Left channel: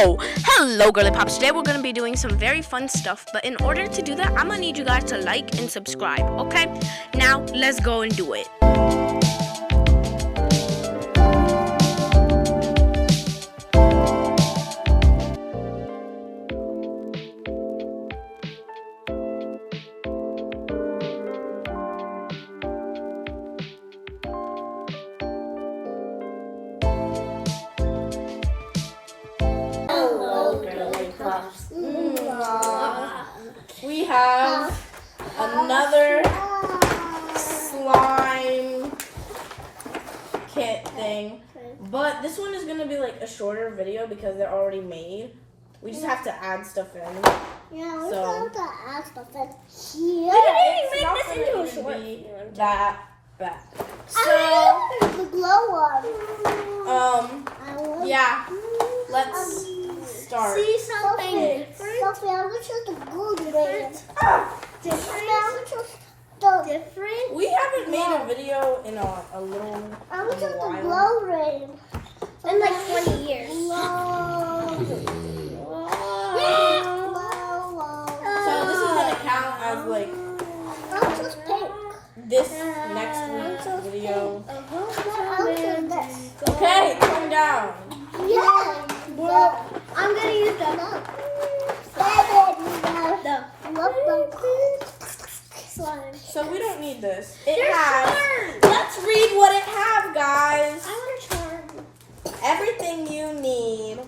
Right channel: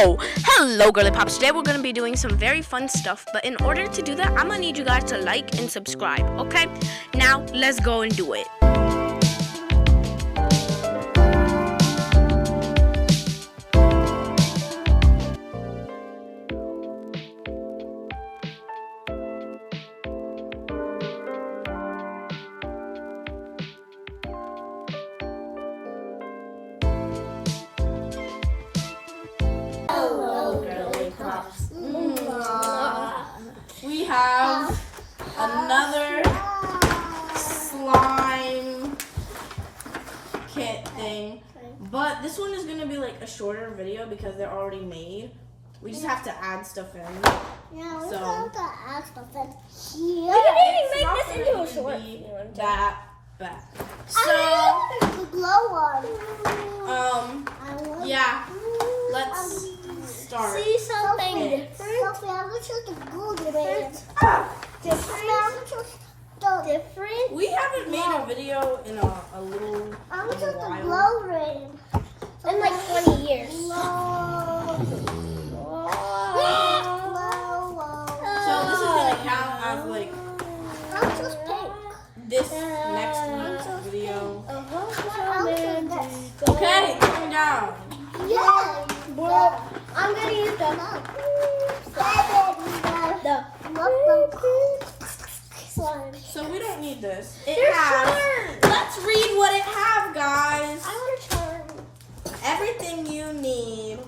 So, hello girly pops. Today we're going to be doing some very fun stuff, but in order to do that, I'm going to need you guys to like and subscribe, okay? Now, let's go and do it. We have another slime kit thing, but this one is going to be like a shorter video because they're already made. We just have to add stuff in. Yeah, we So- have to add stuff in here. It's not gonna be that bad. So, I want the glow one. yeah, let's start. See something Sophie, I'm gonna choose the golden one. I'm gonna choose the different. We haven't made a video in a little I'm gonna choose the while. glow ring. In like 20 years. So this is gonna count as like I'll choose pink. this next week's video. I'll choose this. Okay, turn down. Yeah. I'm gonna use the slime. So we don't need this. It has. Let's read what it have, guys. I want a charm. Everything you need.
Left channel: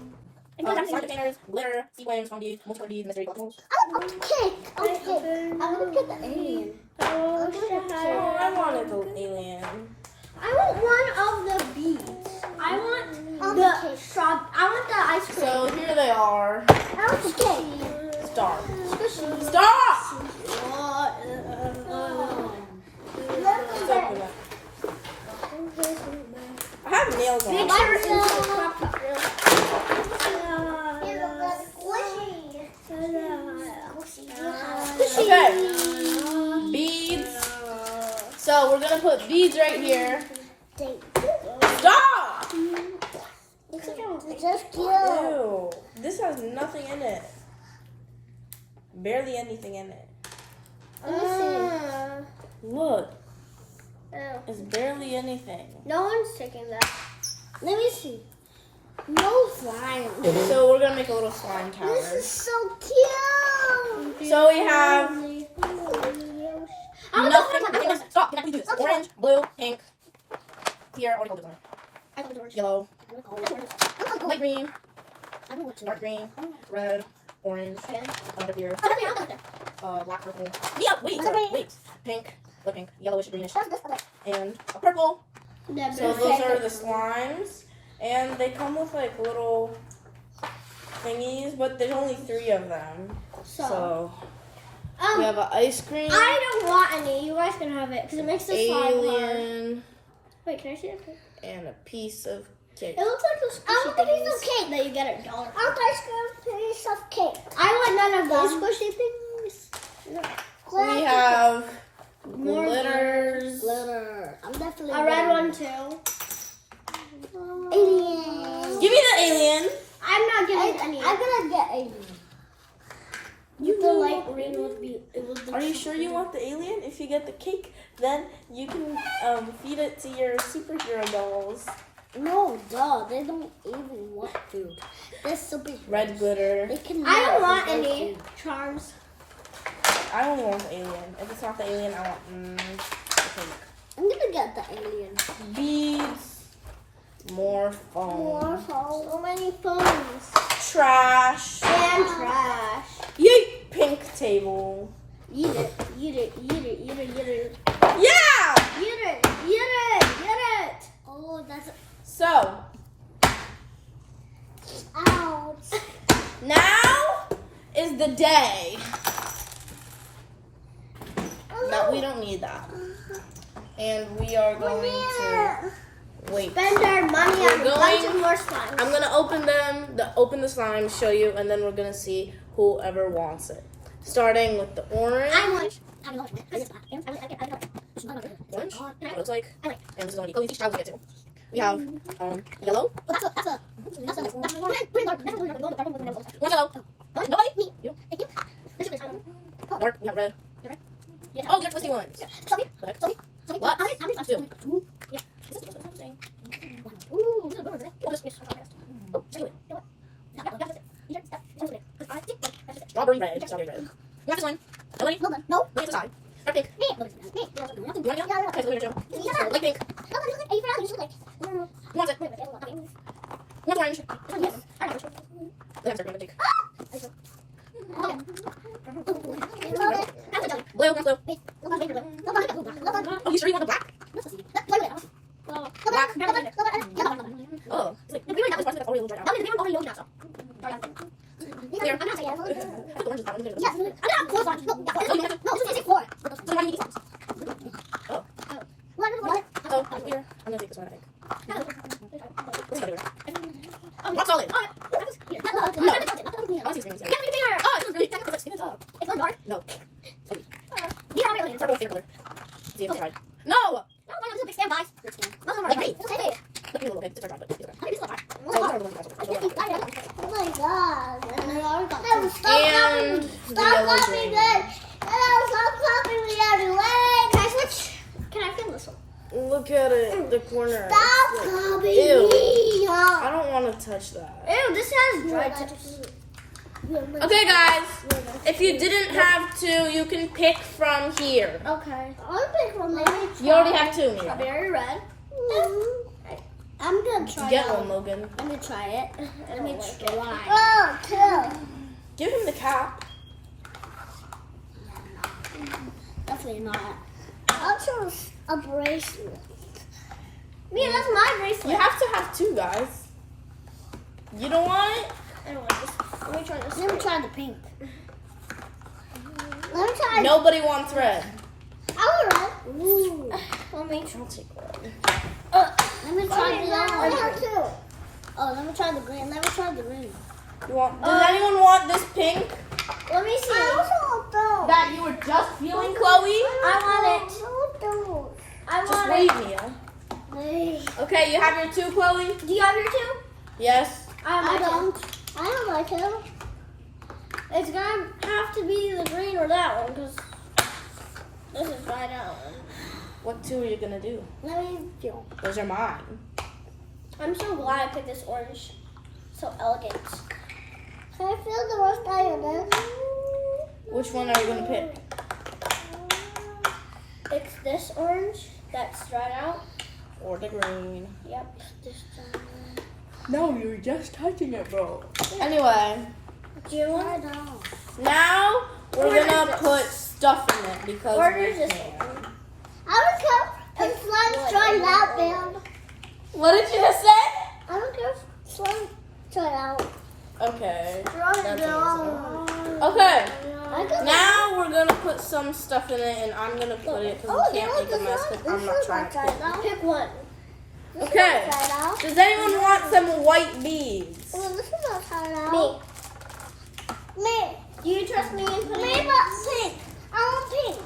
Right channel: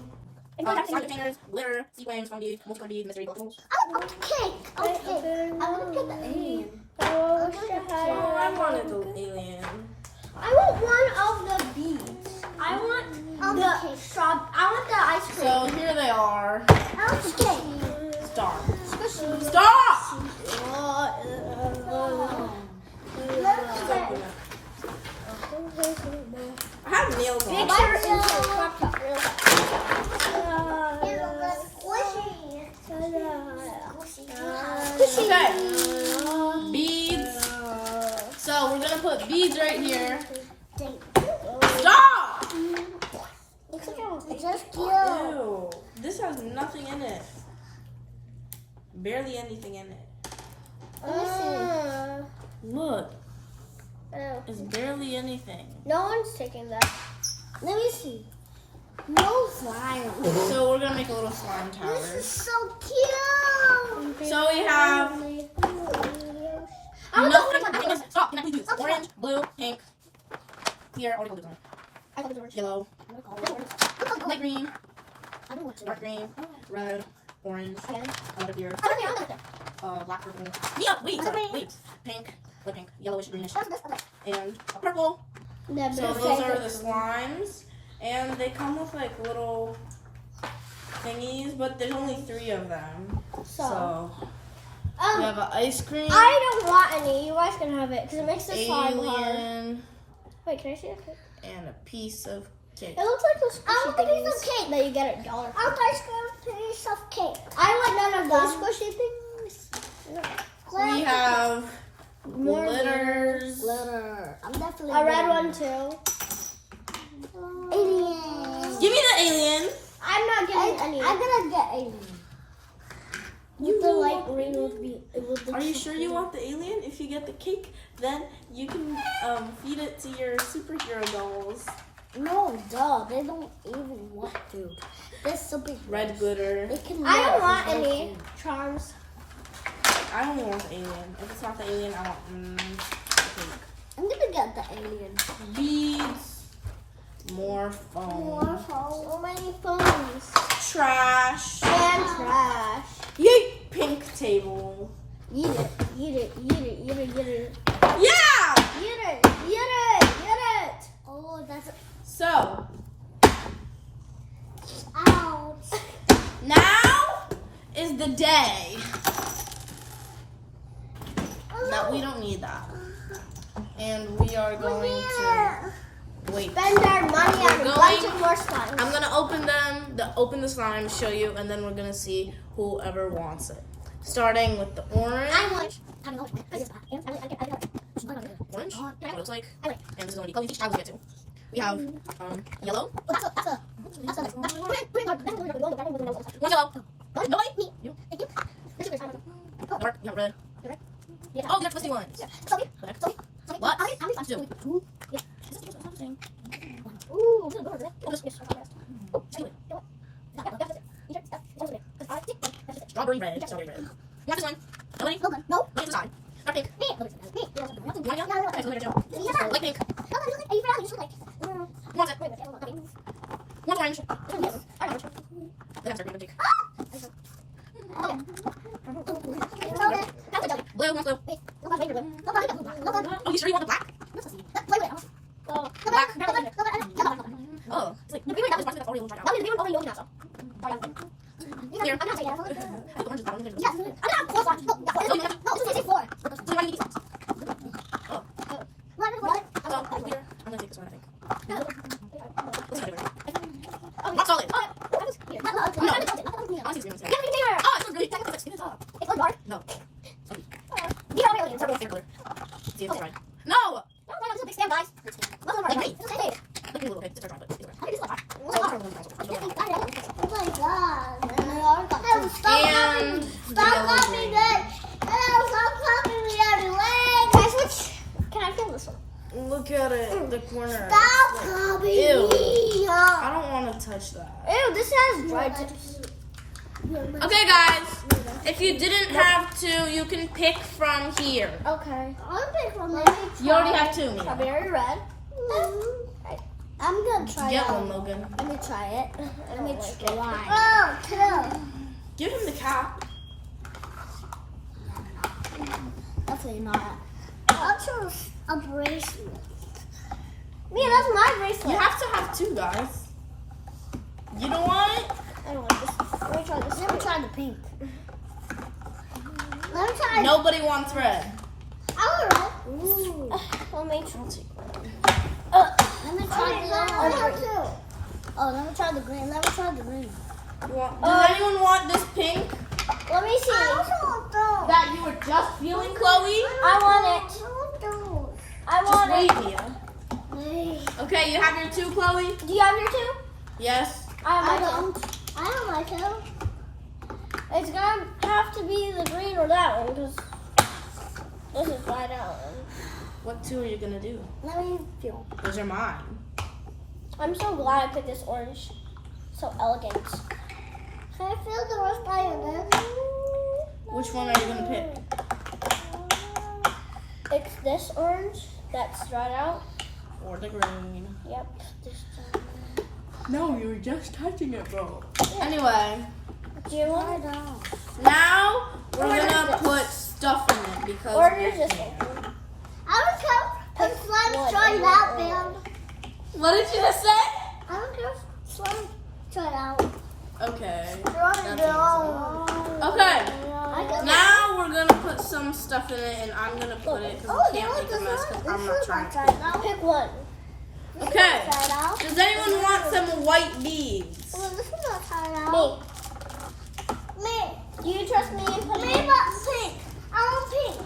Slime containers, glitter, sequins, foam beads, multiple beads, mystery collectibles. I'm gonna pick. I'm gonna pick the alien. Oh, I wanted the alien. I want one of the beads. I want the ice cream. So here they are. I want the cake. Stop. Stop! I have nails on. Okay. Beads. So we're gonna put beads right here. Stop! Just cute. Ew. This has nothing in it. Barely anything in it. Look. It's barely anything. No one's taking that. Let me see. No slime. So we're gonna make a little slime tower. This is so cute. So we have nothing. Stop! Can I please do this? Orange, blue, pink. Here, orange, blue, yellow, light green, dark green, red, orange, under here, black, purple. Yeah, wait, pink, light pink, yellowish, greenish, and a purple. So those are the slimes, and they come with like little thingies, but there's only 3 of them. So we have an ice cream, I don't want any. You guys can have it because it makes the slime hard. alien, Wait, can I see it? and a piece of cake. It looks like those I want a piece of cake that you get at Dollar I want ice cream, piece of cake. I want none of Those those. squishy things. We have More glitters. Glitter. I'm definitely A red getting one too. Alien. Give me the alien. I'm not getting any. I'm gonna get alien. The light green would be. It would be Are you sure you want the alien? If you get the cake, then you can feed it to your superhero dolls. No, duh. They don't even want to. They're so big. Red glitter. They can. I don't melt want and go any through. charms. I only want the alien. If it's not the alien, I want the cake. I'm gonna get the alien. Beads. More foam. So many phones. Trash. And trash. Yeet. Pink table. Eat it. Eat it. Eat it. Eat it. Eat it. Yeah! Eat it. Eat it. Eat it. Oh, that's. So, Ouch. now is the day. Oh, No, we don't need that. And we are going to wait. Spend our money We're on a bunch going- of more slime. I'm gonna open the slime, show you, and then we're gonna see whoever wants it. Starting with the orange. Orange. Looks like. And this is gonna be. Oh, these child will get to. We have yellow. That's a. One yellow. Nobody? You. Mark, you have red. Yeah. Oh, you have twisty ones. Sorry. Correct. Sorry. What? How many? Two. Ooh. Strawberry red. Strawberry red. You have this one. Nobody? No. Nobody this side. Dark pink. You want it? Okay, so we're gonna do. Light pink. You want it? One orange. Yes. They have green pink. Blue, one blue. Oh, you sure you want the black? Black. Oh, it's like the green is already dried out. Here. The orange is that one. Yes. So how do you eat these? Oh, so here. I'm gonna take this one, I think. This is better. Rock solid. No. I want to see green. Oh, it's green. That's it up. No. It's our favorite color. See if it's right. No! Like me. Look at me a little bit. It's our dry, but it's right. Oh my god. Hey, stop copying me. Stop copying me. Hello, stop copying me everywhere. Can I switch? Can I film this one? Look at it, the corner. Stop copying Ew. me. I don't want to touch that. Ew, this has dried. Okay, guys. If you didn't have to, you can pick from here. Okay. I'll pick from there. You already have two, Mia. Strawberry red. I'm gonna try Get it. one, Logan. Let me try it. Let me try. Oh, two. Give him the cap. Definitely not. I'll choose a bracelet. Mia, that's my bracelet. You have to have two, guys. You don't want it? I don't like this. Let me try this. Let me try the pink. Let me try. Nobody wants red. I want red. Ooh. Let me try. Let me try the other one. I have two. Oh, let me try the green. Let me try the green. You want? Does anyone want this pink Let me see. I also want those. that you were just feeling, Chloe? I want it. I want those. I Just want wait, it. Mia. Wait. Okay, you have your two, Chloe? Do you have your two? Yes. I don't. I don't like two. It's gonna have to be the green or that one because this is dried out. What two are you gonna do? Let me feel. Those are mine. I'm so glad I picked this orange. So elegant. Can I feel the rest of your this? Which one are you gonna pick? It's this orange that's dried out. Or the green? Yep. This one. No, you were just touching it, bro. Anyway, Do you want? now we're gonna put stuff in it because Or we is this can. one? I don't care if slime try out, man. What did you just say? I don't care if slime try out. Okay. Try it out. Okay. I can Now we're gonna put some stuff in it, and I'm gonna put it because Oh, we can't look, make a mess this because I'm one not trying try to. it out. Pick one. This Okay. one try it out. Does anyone want some white beads? Well, this one not try it out. Me. Me. Do you trust me in putting Me, but pink. I want pink.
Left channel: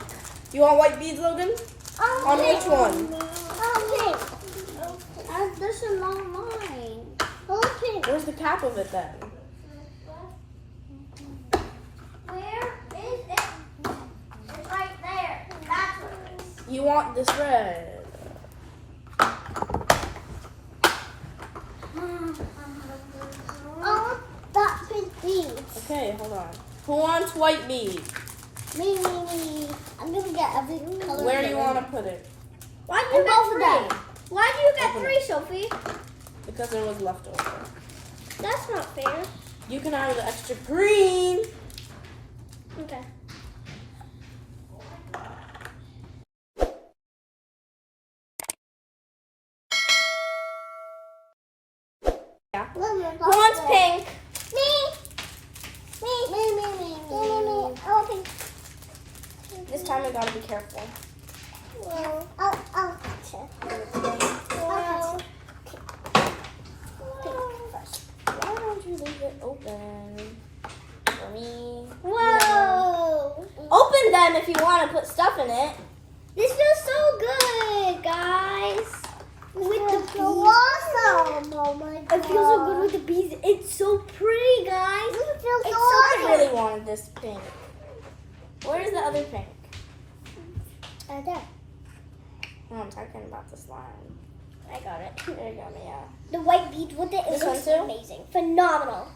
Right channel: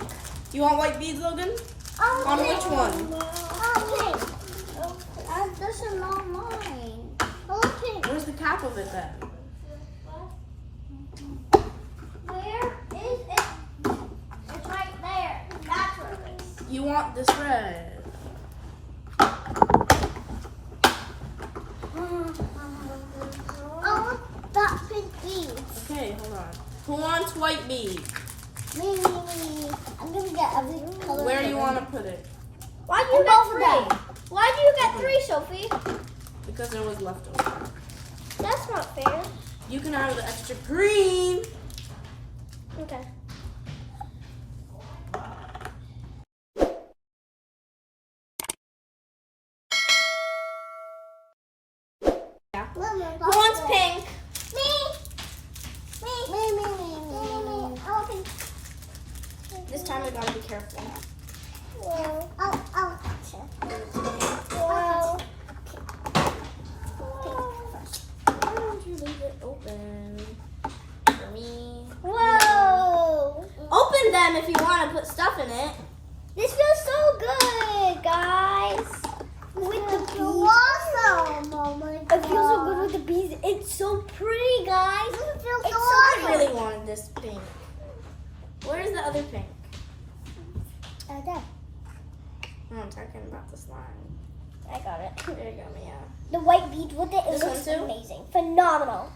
You want white beads, Logan? I want On pink. which one? I want pink. This is not mine. I want pink. Where's the cap of it then? Where is it? It's right there. That's where it is. You want this red? I want that pink bead. Okay, hold on. Who wants white beads? Me. I'm gonna get every color. Where do you want to put it? Why do you And get both of three? them. Why do you get three, Sophie? Because there was leftover. That's not fair. You can have the extra green. Okay. Who Who wants pink? Me. I want pink. This time we gotta be careful. Oh. Why don't you leave it open for me? Whoa. Open them if you want to put stuff in it. This feels so good, guys. With the water. Oh my god. It feels so good with the bees. It's so pretty, guys. It feels so I awesome. really wanted this pink. Where's the other pink? Right there. Oh, I'm talking about the slime. I got it. There you go, Mia. The white beads with it is This one too? amazing. Phenomenal.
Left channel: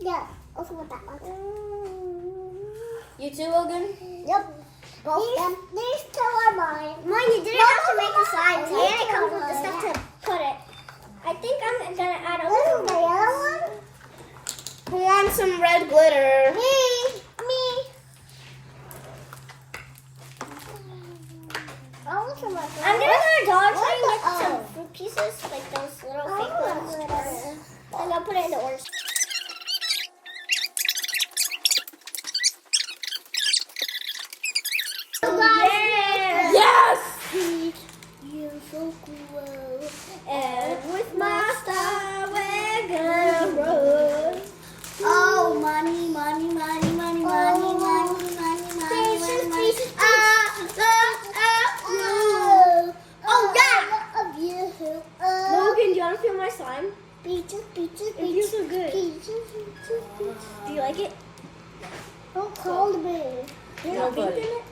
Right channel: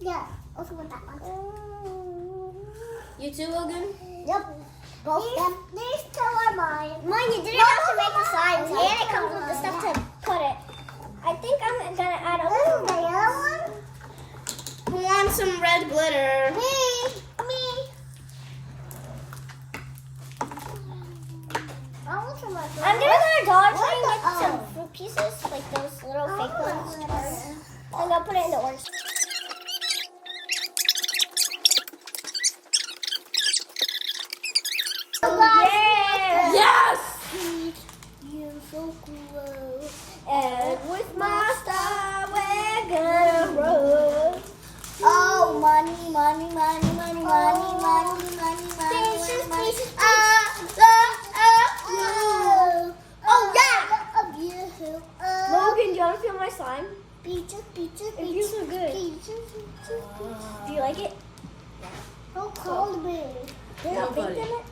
Yeah. Also with that one. You too, Logan? Yep. Both of them. These two are mine. Mine, you didn't have to make a sign. And it comes with the stuff to put it. I think I'm gonna add a This is the yellow one. Who wants some red glitter? Me. I want some like I'm gonna go to Dollar Tree What with the- some fruit pieces, like those little I fake want ones. glitter. And I'll put it in the orange. Yes! You're so cool. And with my star, we're gonna run. Oh, money, money, money, money, money, money, money, money, Patience, money. patience, Oh, yeah. Of you. Logan, do you want to feel my slime? Peaches, peaches, It feels so good. peaches, peaches, peaches. Do you like it? Don't call me. Do you have pink Nobody. in it?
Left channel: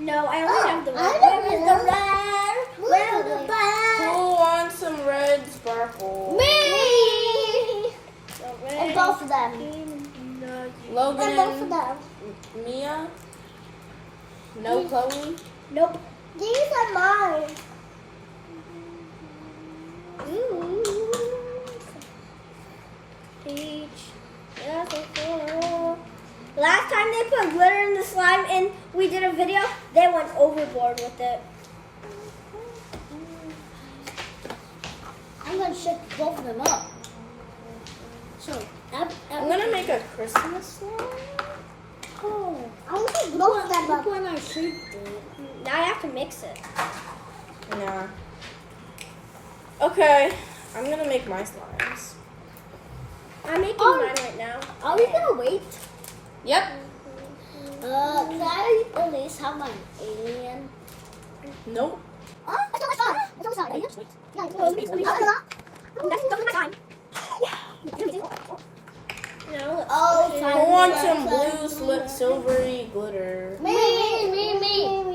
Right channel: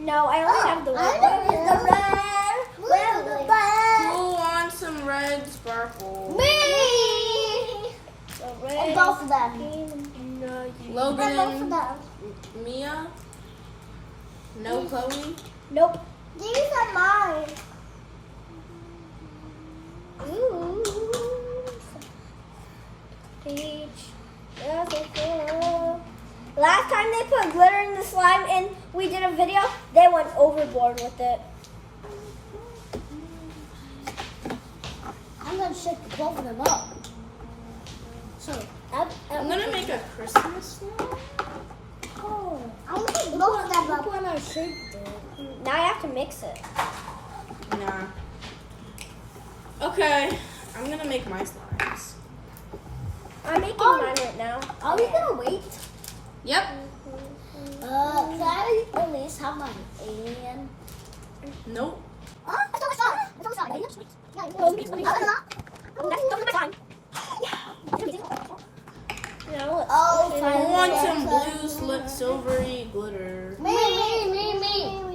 No, I only have the I red. don't Where's know. the red? Where's the red? Who wants some red sparkle? Me. The red. And both of them. Logan, And both of them. Mia? No Chloe? Nope. These are mine. Ooh. Peach. That's so cool. Last time they put glitter in the slime and we did a video, they went overboard with it. I'm going to shake both of them up. So, I'm gonna make a Christmas slime. Oh. I'm going to shake both of them Look up. when I shaped it. Now I have to mix it. Yeah. Okay, I'm gonna make my slimes. I'm making Oh. mine right now. Are we going to wait? Yep. Can I at least have my and... Nope. Oh, it's almost done. It's almost done. Yeah, it's almost done. No, Oh, Who wants some blue slip silvery glitter? Me.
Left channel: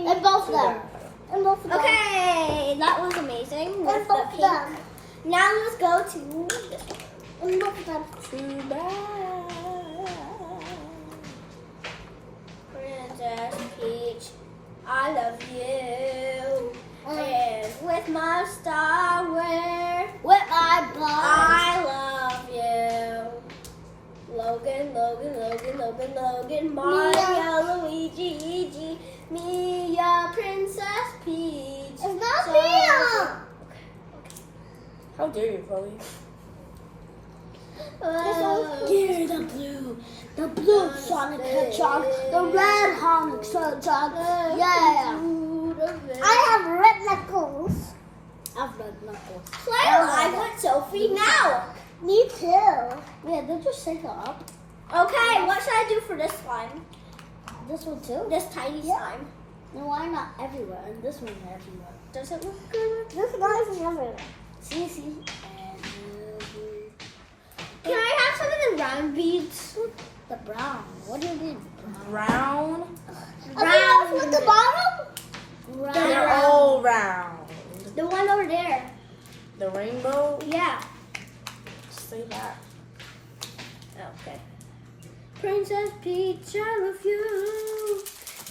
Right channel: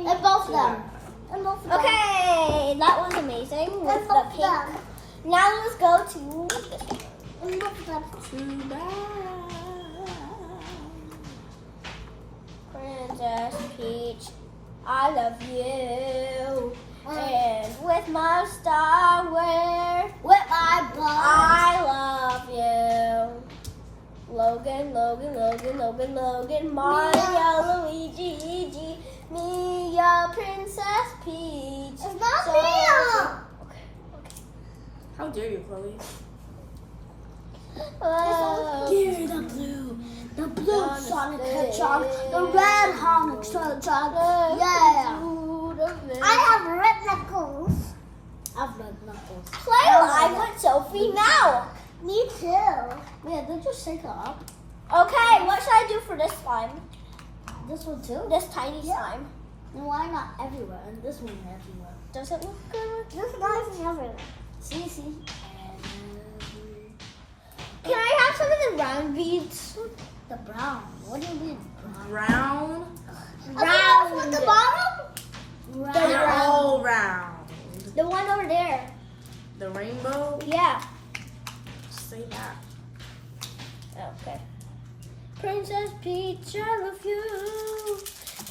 And both of them. And both of them. okay, that was amazing. And With both the of pink. them. Now let's go to this one. And both of them. Too bad. Princess Peach, I love you. And with my star, With my ball. I love you. Logan, Mario, Luigi, Iggy, Mia, Princess Peach. It's not So- Mia. How dare you, Chloe? Here's the blue Sonic Hedgehog, the red Sonic Hedgehog. Yeah. I have red knuckles. I have red knuckles. Play alive with Sophie now. Me too. Yeah, they just shake it up. Okay, what should I do for this slime? This one too. This tiny Yeah. slime. No, why not everywhere? And this one everywhere. Does it look good? This one is everywhere. See. Can I have some of the round beads? The brown. What do you mean? Brown? Round. With the bottom? They're all round. The one over there. The rainbow? Yeah. Say that. Okay. Princess Peach, I love you.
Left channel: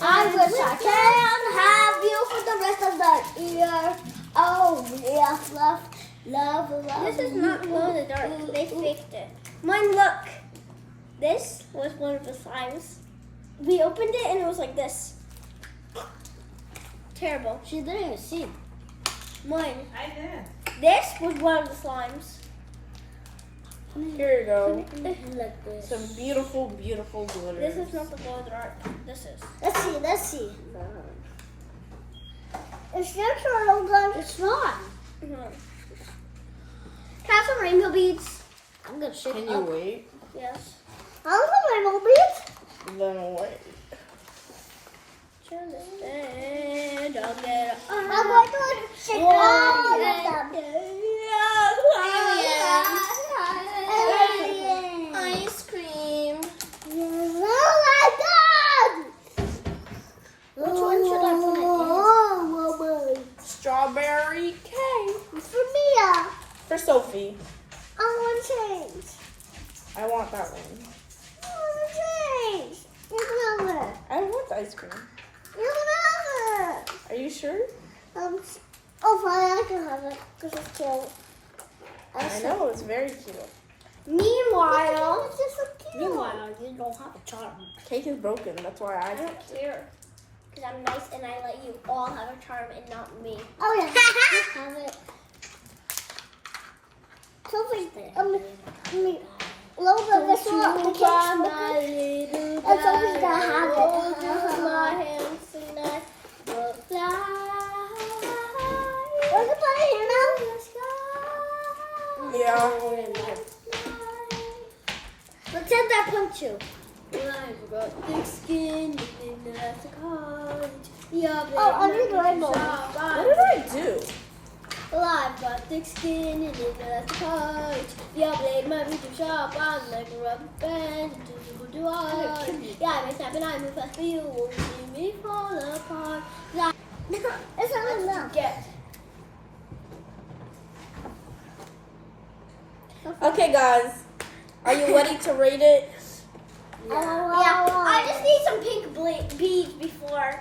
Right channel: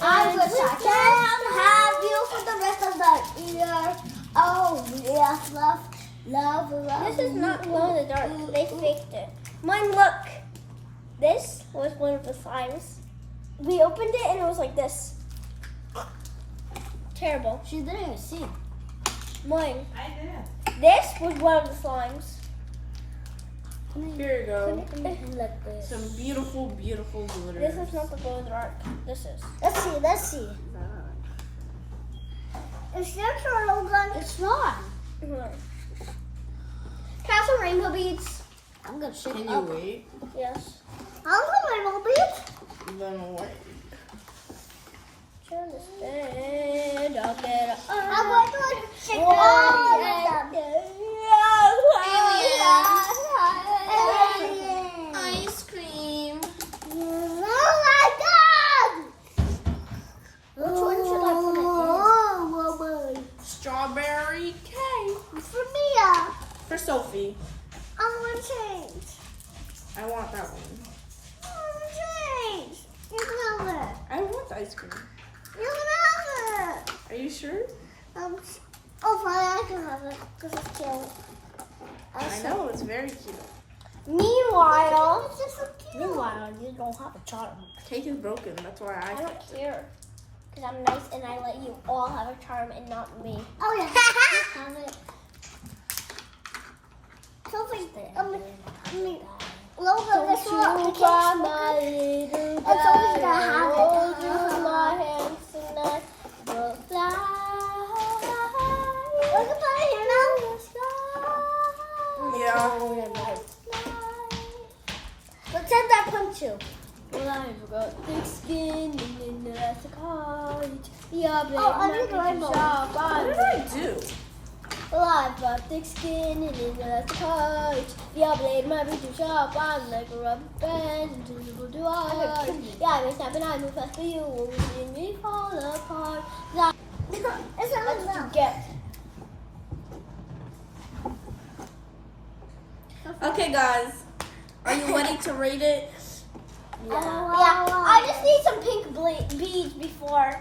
I wish I can have you for the rest of the year. Oh, yes, love. This is not glow in the dark. They faked it. Mine, look. This was one of the slimes. We opened it and it was like this. Terrible. She didn't even see. Mine. I did. This was one of the slimes. Here you go. Like this. Some beautiful, beautiful glitter. This is not the glow in the dark. This is. Let's see. Is your turtle gun? It's not. No. Can I have some rainbow beads? I'm gonna shake Can it you up. wait? Yes. I want some rainbow beads. Then wait. Understand, I'll get I'm going to shake all of them. Sophie. I want to change. I want that one. I want to change. You can have it. I want the ice cream. You can have it. Are you sure? Oh, fine, I can have it because it's cute. I know, it's very cute. Meanwhile, It's just so cute. you don't have a charm. Cake is broken, that's why I don't care. Because I'm nice and I let you all have a charm and not me. Oh yeah, you have it. Sophie, Logan, this one, the cake's broken. And Sophie's gonna have it. My hands and I will fly. We can put it in now. Yeah. Pretend I punch you. I've got thick skin and that's a college. Yeah, Oh, under the rainbow. What did I do? Well, I've got thick skin and that's a college. Yeah, blade my boots to shop. I'm like a rubber band. Do I? Yeah, I'm snapping. I move fast for you. Will you see me fall apart? That It's not to enough. get. Okay, guys. Are you ready to rate it? Yeah. I just need some pink beads before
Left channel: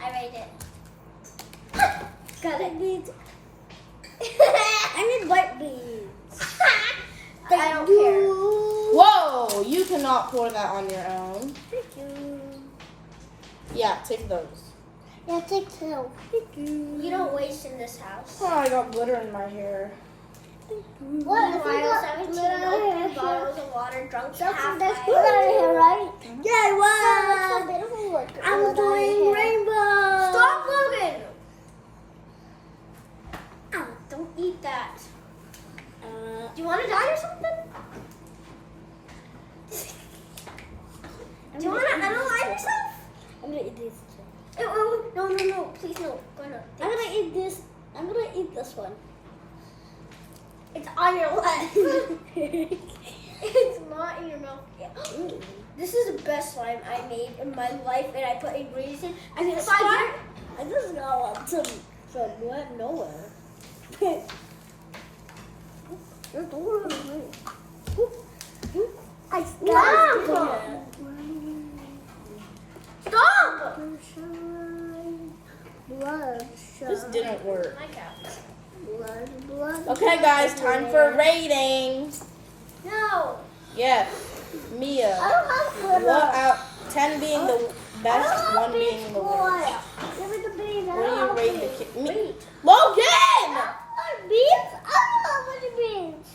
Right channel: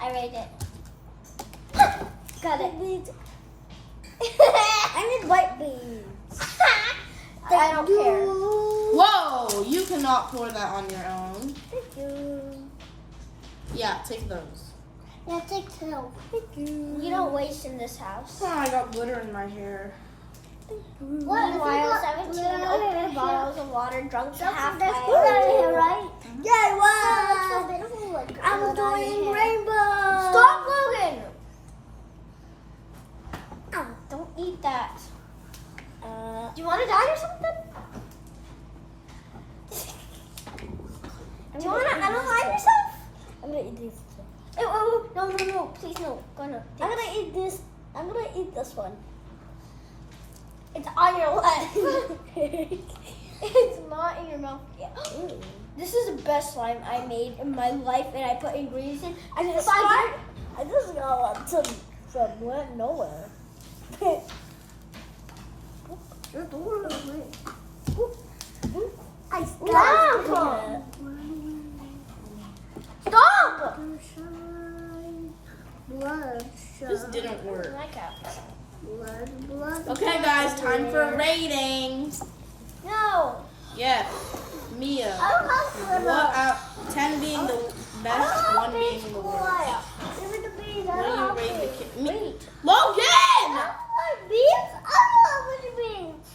I rate it. Got it. Beads. I need white beads. I don't care. Whoa! You cannot pour that on your own. Yeah, take those. Yeah, take two. You don't waste in this house. Oh, I got glitter in my hair. What? If you Meanwhile, got 17 glitter open in bottles of water drunk to half That's by- glitter in here, right? Yeah, Wow, so beautiful. Look, I'm doing rainbow. Stop, Logan! Ow, don't eat that. Do you want to die or something? Do you want to analyze yourself? I'm gonna eat this. Ew, no, please no. I'm gonna eat this. I'm gonna eat this one. It's on your left. It's not in your mouth yet. This is the best slime I made in my life, and I put ingredients in. I just got some wet nowhere. You're doing I Stop! Stop! Blood. This didn't work. My couch. Blood. Okay, guys, time for ratings. No. Yes, Mia. I don't have glitter. What out 10 being the I best, don't have 1 being beads, the boy. worst. Give me the beads. I What don't do you have rate beads. the Me. Logan! I don't have beads. I don't have any beads.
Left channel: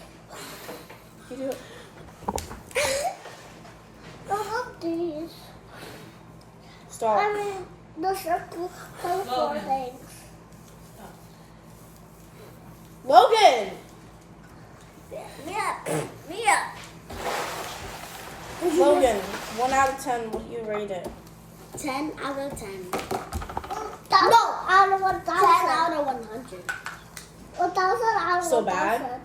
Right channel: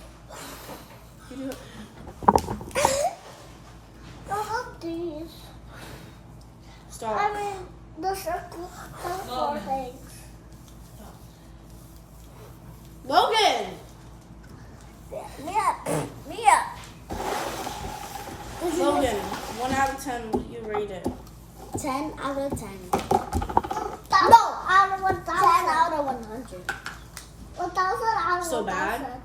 I don't have these. Stop. I mean, the circle for the 4 things. Logan! Mia. Logan, 1 out of 10, what do you rate it? 10 out of 10. No, out of 1,000. 10 out of 100. 1,000 out of So 1,000. bad?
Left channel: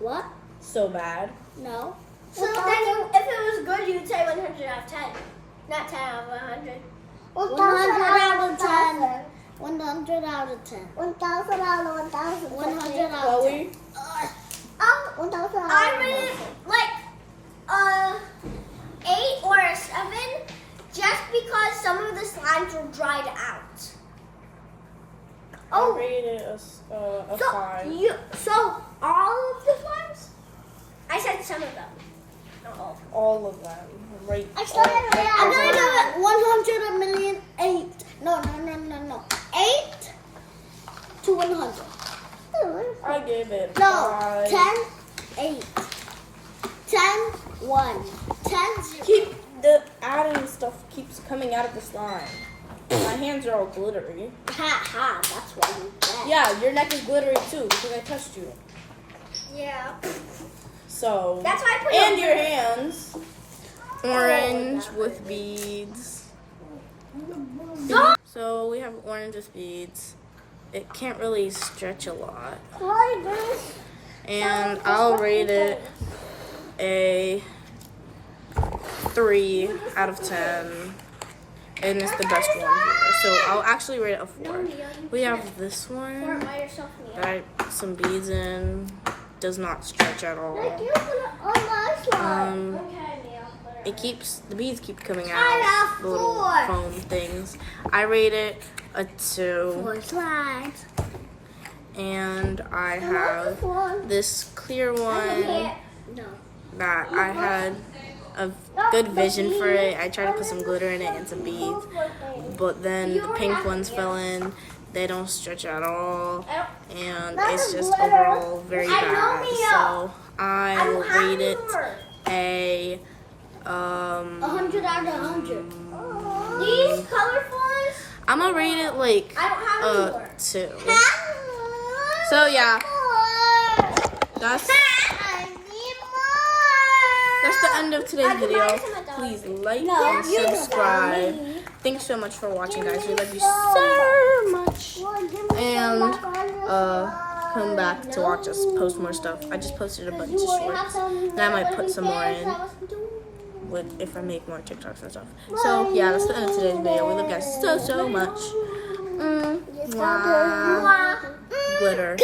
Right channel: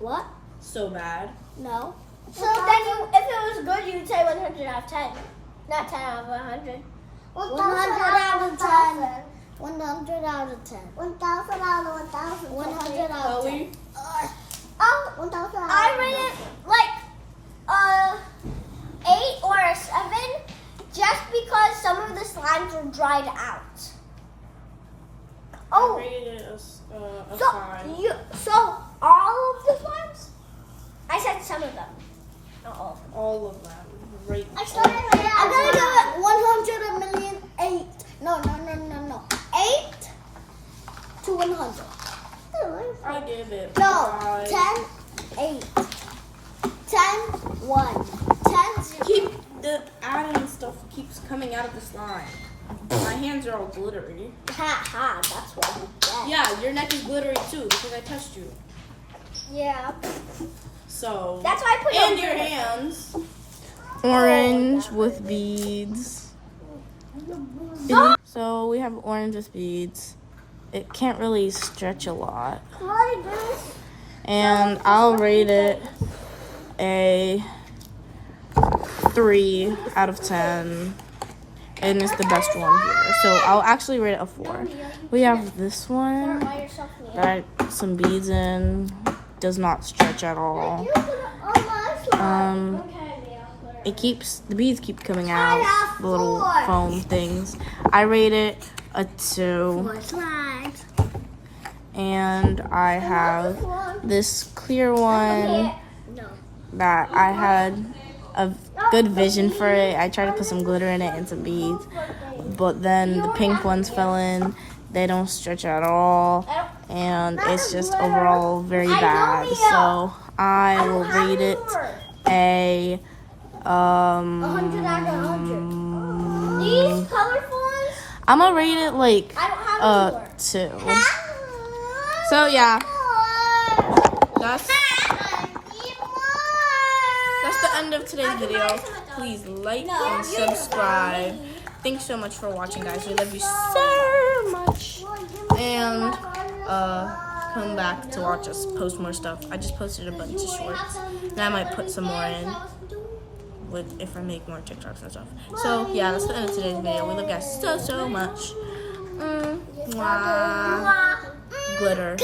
What? So bad. No. So then, if it was good, you would say 100 out of 10, not 10 out of 100. 1,000 out of 10. 100 out of 10. 1,000 out of 1,000. 100 out of 10. Chloe? 1,000 out of I 1,000. rated like 8 or a 7, just because some of the slimes were dried out. I rated a 5. So all of the slimes? I said some of them, not all. All of them. Rate I started all. I'm gonna give it 100 million 8. No. 8 to 100. I gave it No, 5. 10, 8. 10, 1. 10, 0. Keep the adding stuff keeps coming out of the slime. My hands are all glittery. Ha, that's why you get. Yeah, your neck is glittery too because I touched you. Yeah. So That's why I put and it your on hands. Orange with beads. So we have orange with beads. It can't really stretch a lot. Why this? And I'll rate it a 3 out of 10. And it's the best one here. So I'll actually rate it a 4. We have this one. by yourself, Mia. That I put some beads in. does not stretch at all. You put it on my slide. The beads keep coming I out, have the little 4. foam things. I rate it a 2, 4 slides. and I have this clear one No. that I had a good vision for it. I tried to put some glitter in it and some beads, but then the pink ones fell in. They don't stretch at all, and it's just overall very bad. So I will rate it a 100 out of 100. These colorful ones? I'm gonna rate it like I don't have a 2. So yeah, that's the end of today's video. Please like and subscribe. Thanks so much for watching, guys. We love you so much. And come back to watch us post more stuff. I just posted a bunch of shorts, and I might put some more in if I make more TikToks and stuff. So yeah, that's the end of today's video. We love you guys so much. Mwah. Glitter.